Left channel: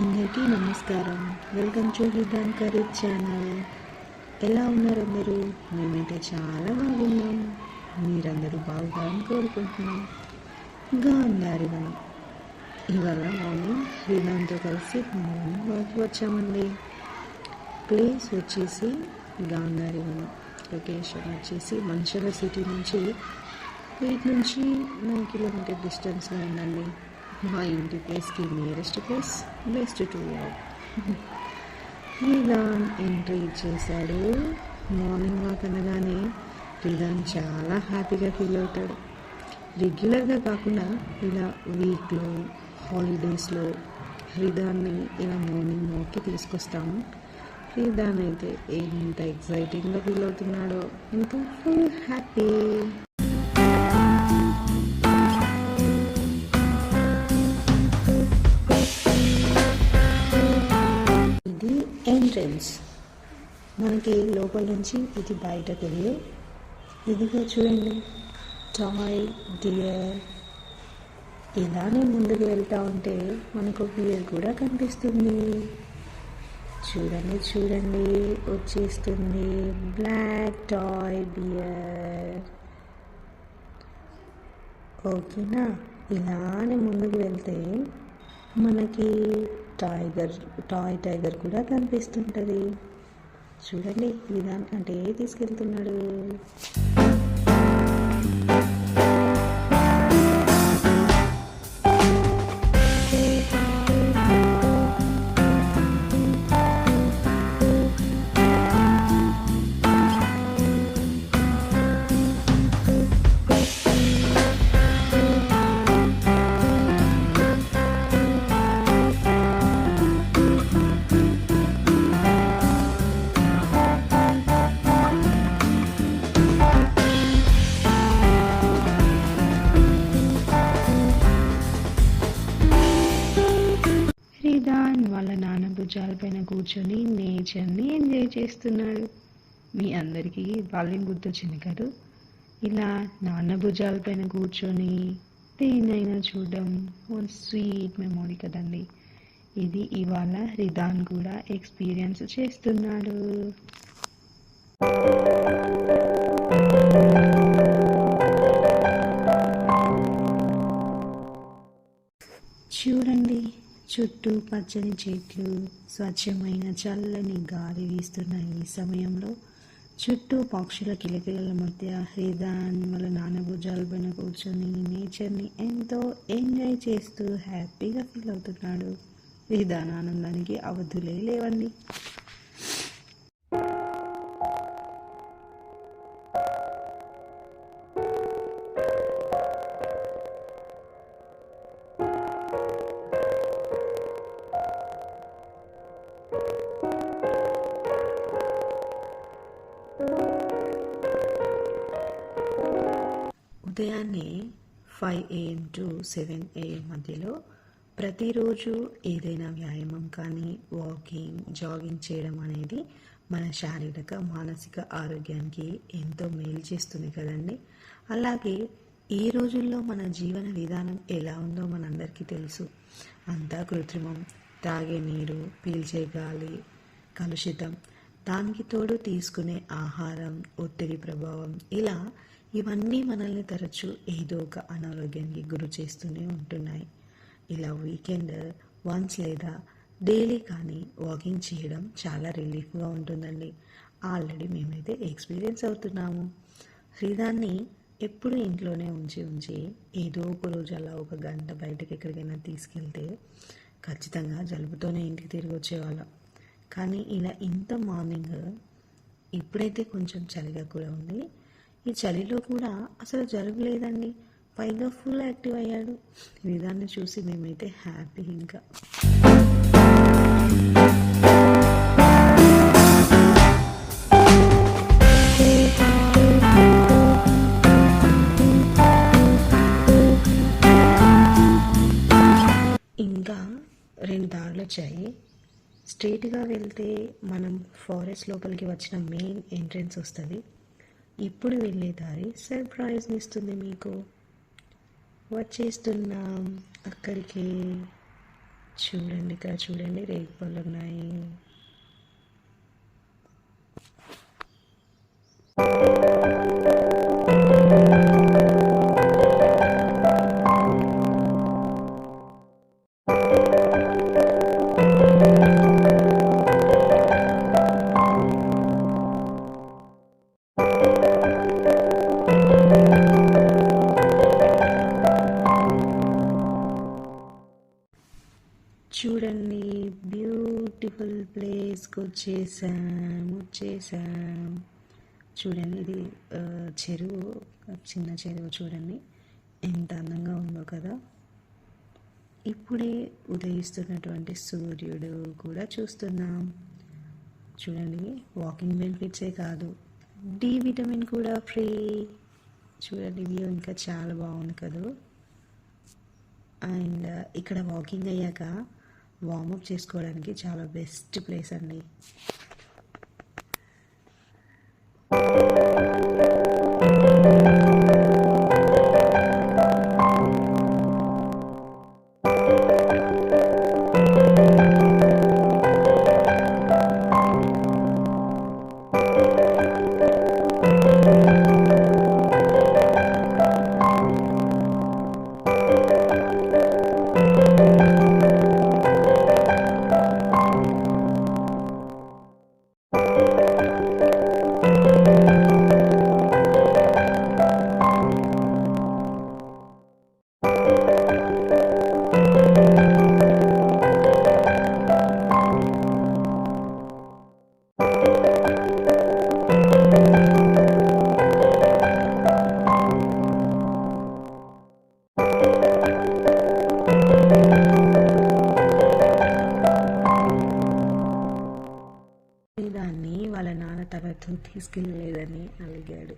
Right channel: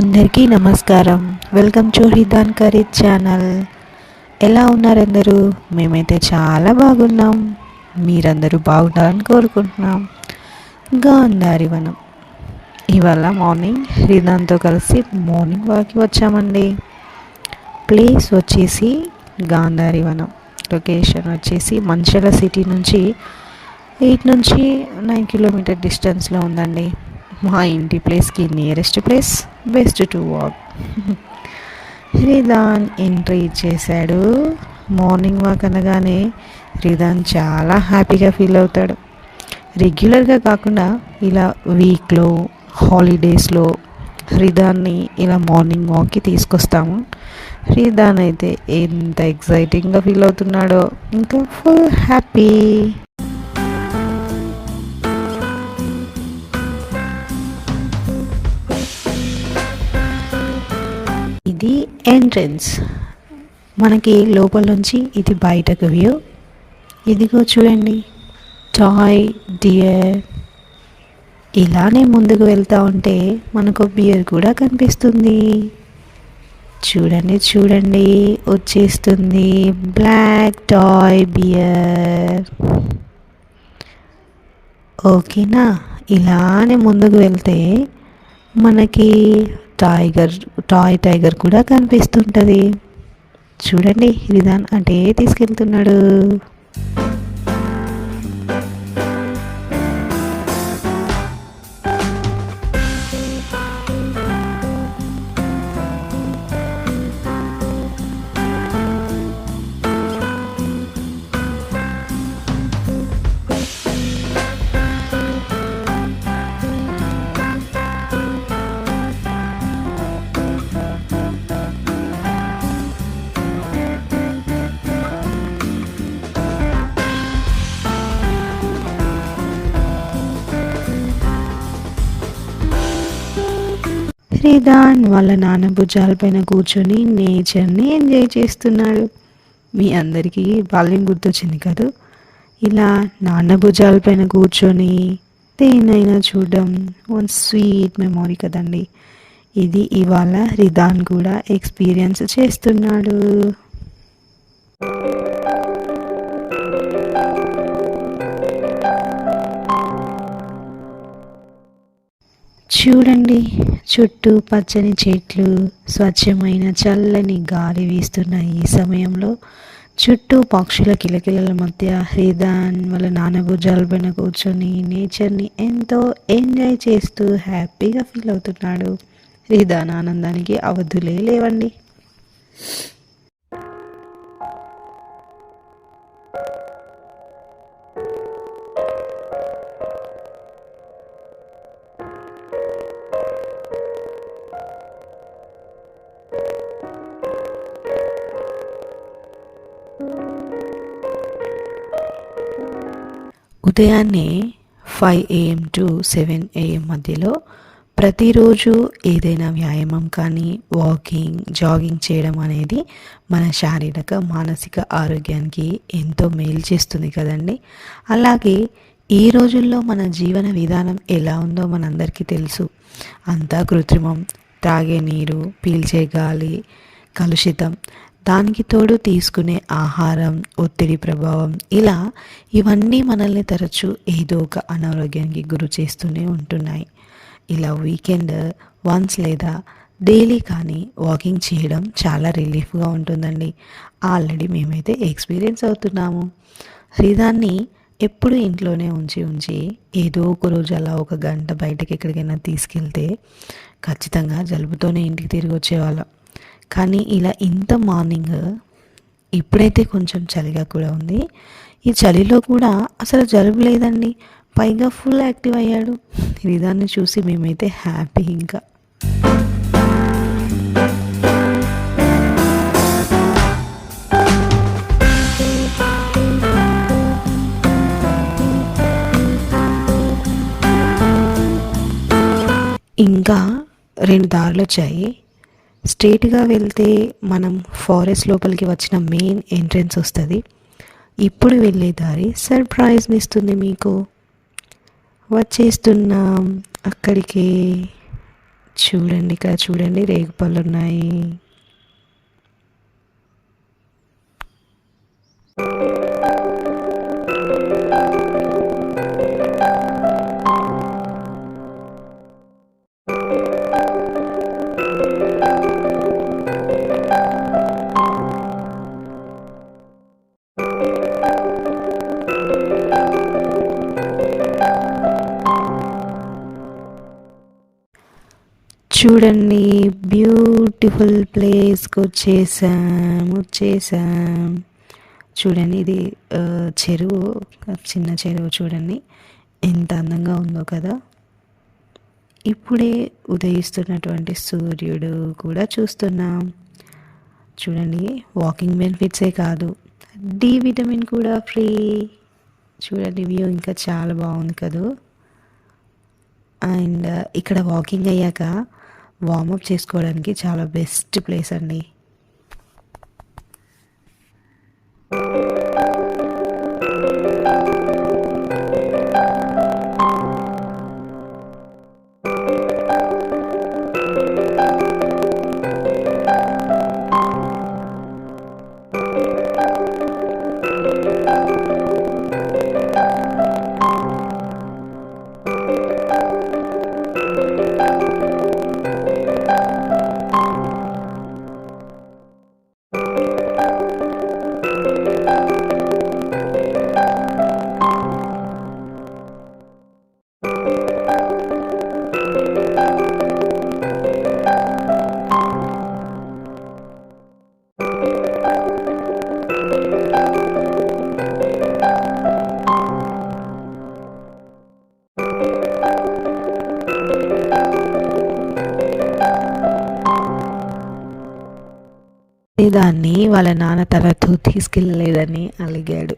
అందరికీ నమస్కారం. Welcome to హిదాన్ కరీజ్ ఛానల్. ఎలా ఉన్నారు అందరూ? మేమైతే చాలా బాగున్నాం. మీరందరూ బాగుండాలని కోరుకుంటున్నాం. గాంధారి వనం. ఇవాళ మార్నింగ్ హిదాన్తో కలిసి మార్నింగ్ వాక్కి వచ్చామండి. ప్లేస్ వచ్చేసి గాంధారి వనం. లొకేషన్ వచ్చేసి మంచిర్యాల సిటీ నుంచి 8 నుంచి 9 కిలోమీటర్ డిస్టెన్స్లో ఉందండి. మా ఇంటి ప్లేస్కి nearest place, best to walk. Ridhan entry ఇచ్చేసాడు. మార్నింగ్ వాక్ అనగానే రిదాన్ చాలా హ్యాపీగా ఫీల్ అవుతాడు. రెగ్యులర్గా కాకుండా ఇలా వీక్లో, హాలిడేస్లో రిదాన్ని ఇలా మార్నింగ్ వాక్కి తీసుకొస్తాము. రిదాన్ అయితే ఎంత ఎక్సైటింగ్గా ఫీల్ అవుతున్నాడో, ఇంకా ఫుల్ హ్యాపీ. ఇది ఎంట్రన్స్. మనకి లోపల నుంచి ఇది బయటకు వ్యూ. ఇదిగో చూడండి, టాయ్ డియర్. ఇలానే ముందుకు వెళ్తూ ఉంటే మనకు బియర్ కూడా కనిపిస్తుంది. చూడండి చూడండి, వచ్చేస్తుంది బ్లాక్ టాయ్ బియర్. ఓకేనా? ఇలానే ముందుకు వెళ్తే మనకి టాయ్ టైగర్ కూడా కనిపిస్తుంటుంది. చూడండి, రిదాన్ అంటే తీసుకెళ్తున్నాడు. రిదాన్ వాళ్ళ నాన్న భుజాలపైన కూర్చొని నేచర్ని ఎంజాయ్ చేస్తున్నాడు. మీ అందరికీ బాల్యం గుర్తొచ్చింది కదా? ఇలా నాన్న భుజాలపైన కూర్చొని దేనైనా చూడడం వన్ స్వీట్ మెమొరీ కదండి. ఇది ఇవాళ రిదాన్ కూడా ఎక్స్పీరియన్స్ చేస్తున్నాడు. చూడండి, చుట్టూ పచ్చని చెట్లు, స్వచ్ఛమైన చల్లని గాలి వీస్తున్న ఈ సమయంలో చుట్టూ పక్షుల కిలకిలల మధ్య రిదాన్ వాళ్ళ నాన్న భుజాలపైన కూర్చొని నేచర్ని ఎంతో ఎంజాయ్ చేస్తూ హ్యాపీగా ఫీల్ అవుతున్నాడు. రిదాన్ ఆనందానికి అవధులే లేవండి. ఉదయాన్నే 5 AM టు 7 AM మధ్యలో ప్రతిరోజు ఏదైనా వ్యాయామం కానీ వాకింగ్, జాగింగ్ చేయడం అనేది మన శారీరక, మానసిక ఆరోగ్యానికి ఎంతో మేలు చేస్తుంది కదండి. అలాగే ఈ రోజుల్లో మన జీవన విధానం ఎలా ఉందో మనందరికీ తెలుసు. అంతా కృత్రిమం, తాగే నీరు, పీల్చే గాలి కలుషితం, దానికి తోడు తీసుకునే ఆహారం, ఒత్తిడి ప్రభావం, ఇలా ఇవన్నీ మనల్ని తరచూ ఏదో ఒక అనారోగ్యానికి గురి చేస్తూనే ఉంటున్నాయి. ఇలా వీకెండ్ వన్స్ లేదా డైలీ కానీ వాకింగ్ చేయడం చాలా రిలీఫ్గా ఉంటుందండి. ఆల్రెడీ మేమైతే ఎక్స్పీరియన్స్ అవుతున్నాము. రిదాన్ని ఎప్పుడు ఇంట్లోనే ఉంచి ఉంచి ఏదో ఒక రోజు అలా 1 గంట బయటకి ఎక్కడికైనా తీసుకెళ్తే ఖచ్చితంగా జలుబుతోనే ఇంటికి తిరిగి వచ్చేవాళ్ళం. కానీ ఇలా ఇంత మార్నింగ్, ఇప్పుడైతే కొంచెం చలిగా కూడా ఉంది, ఈ చలిలో కూడా అసలు జలుబు లేదండి. పైగా ఫుల్ యాక్టివ్ అయ్యాడు. రిదాన్ని చూసి మేమైతే హ్యాపీ. ఇంకా 2 దారులు వచ్చాయి. స్ట్రేట్గా వెళ్తే మనం ఫారెస్ట్ లోపలికి వచ్చిన మెయిన్ ఎంట్రన్స్ వస్తుంది. ఇప్పుడు వెళ్ళే దారి సర్ప్రైజ్ని ఇస్తుంది మీకు. వచ్చేస్తున్నాం అక్కడికి. చూడండి, ఇక్కడ చూడండి రేగుపళ్ళు ఉన్నాయి. చూడండి, బ్యూటిఫుల్ ప్లేస్కి వచ్చేసాం. చూడండి, ఇది చెరువు, చిన్న చెరువు. చూడండి ఎంత అందంగా ఉందో కదా. ఇప్పుడే ఉదయిస్తున్నటువంటి సూర్యుడు కూడా చూస్తున్నాం. చూడండి, వాకింగ్ బెనిఫిట్సే కాదు, డి విటమిన్ కూడా ఫ్రీ. చూడండి, వ్యూ ఇంకా చాలా బాగుంది కదా. అండ్ ఇక్కడ వాకింగ్ అయ్యాక వార్మప్ చేసుకోవడానికి చాలా బెస్ట్ ప్లేస్ అండి. దాన్ని వాళ్ళ నాన్న తనతో తీసుకెళ్ళలేదని అలిగాడు.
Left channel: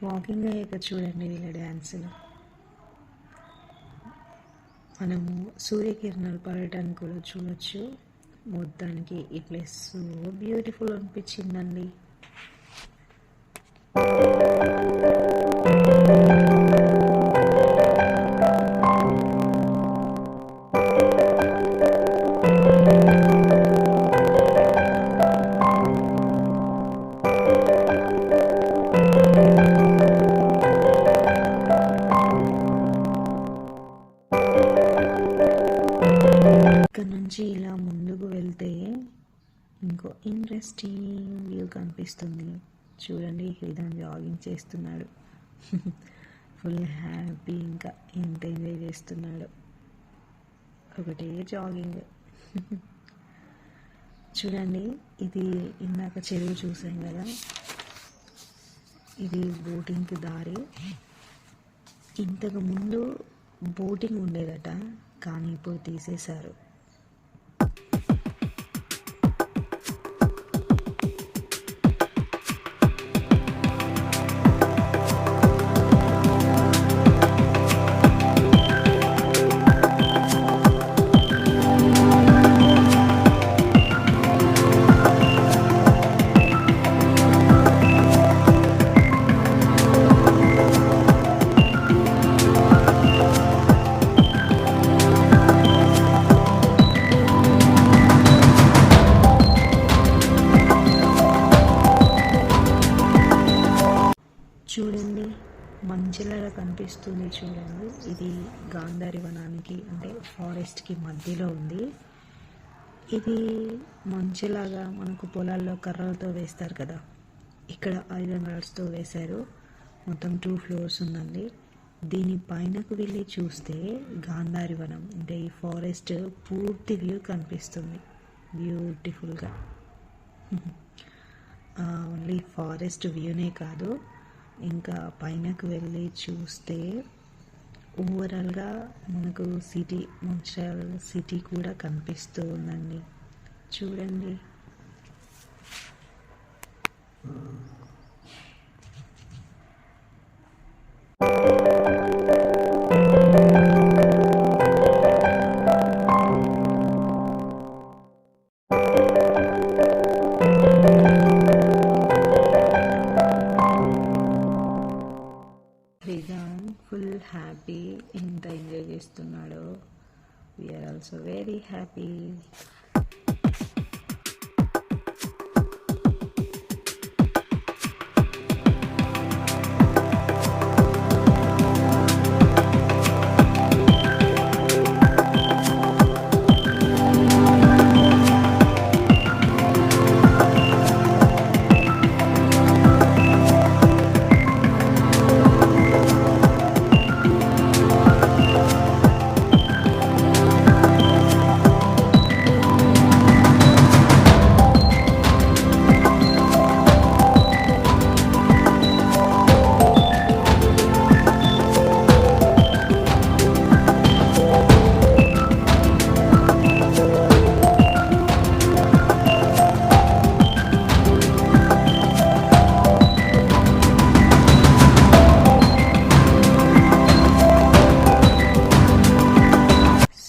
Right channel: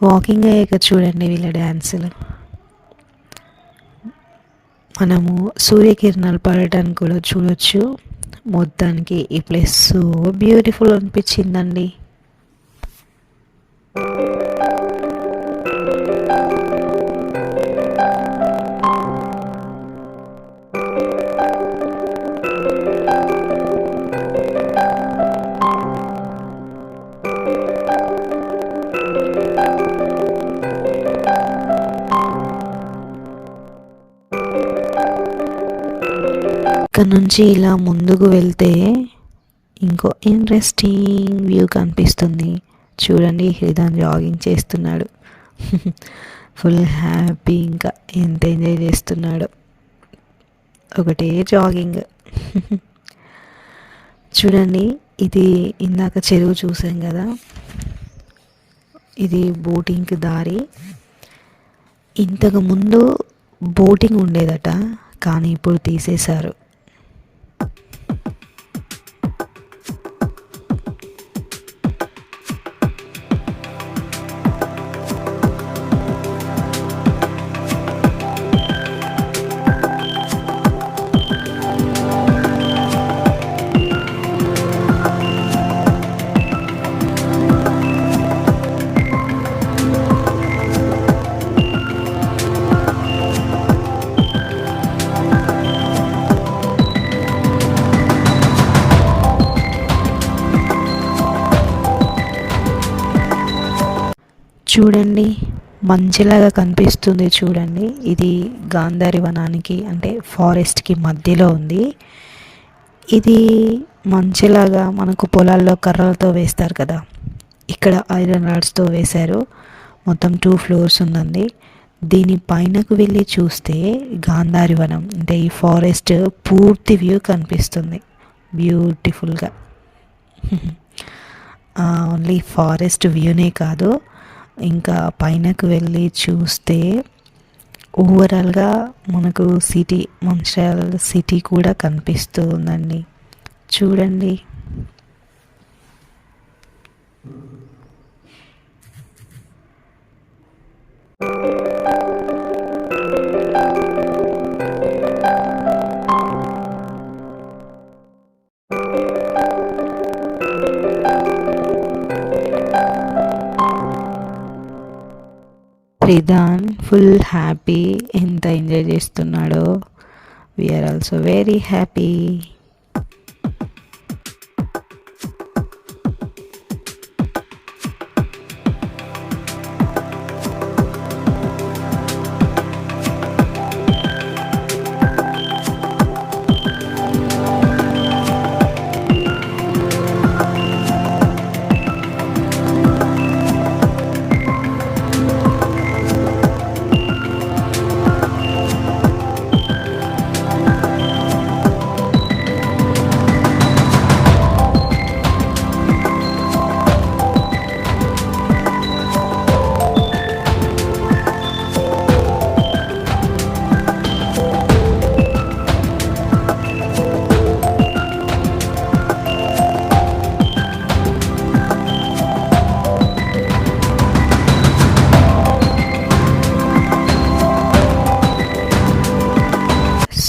వాకింగ్ అయ్యాక చూడండి వీళ్ళ డ్యాన్సులు. మనము సూర్యకిరణాలు పడటానికి కూడా చూడొచ్చు. మొత్తానికి ఈ ప్లేస్ సో బ్యూటిఫుల్ అనిపించిందండి. ఇక్కడ నుంచి ఇలా ముందుకు వెళ్తే ఇంకో ఇంట్రెస్టింగ్ వ్యూ కనిపిస్తుంది. చూడండి, హృదయం జాగింగ్ చేస్తున్నాడు. ఫుల్ హ్యాపీ, ఇంకా ఎంత ఎంజాయ్ చేస్తున్నాడు, ఒకటే జాగింగ్. చూడండి, ఇది ఇందాక చెరువు చూసాం కదా, ఇది బోటింగ్కి దారి. ఇంతకు ముందు బోటింగ్ ఉండేదట, కానీ ఇప్పుడు తీసేశారు. చూడండి, మంచిలాగా కనిపిస్తుంది. చూడండి, ఇది గాంధారి వనానికి అంటే ఫారెస్ట్కి మధ్యలో ఉంది. ఇది మంచిలాగా మనకు పొలాల్లో కర్రలతో వేస్తారు కదా, ఇక్కడ ఐరన్ రాడ్స్తో వేశారు. మొత్తం 2 floors ఉందండి. దీని పైనకు వెళ్ళి చూస్తే గాంధారి వనం అంటే ఈ ఫారెస్ట్ పూర్తి వ్యూ కనిపిస్తుంది బ్యూటిఫుల్గా. ఓన్లీ ఫారెస్ట్ వ్యూనే కాదు, ఇంకా పైనకు వెళ్ళి చూస్తే ఓవరాల్గా మనకు సిటీ, మంచిర్యాల సిటీ కూడా కనిపిస్తూ ఉందండి. చూడండి, రిదాన్ ఫుల్ హ్యాపీ, ఎంత ఎంజాయ్ చేస్తున్నాడో. We are also very happy.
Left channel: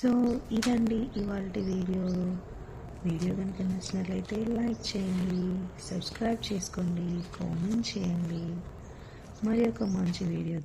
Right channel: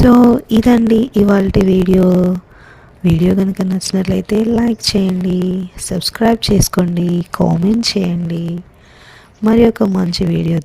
So ఇదండి ఇవాల్టి వీడియో కనుక నచ్చినట్లయితే లైక్ చేయండి, సబ్స్క్రైబ్ చేసుకోండి, కామెంట్ చేయండి. మరి ఒక మంచి వీడియో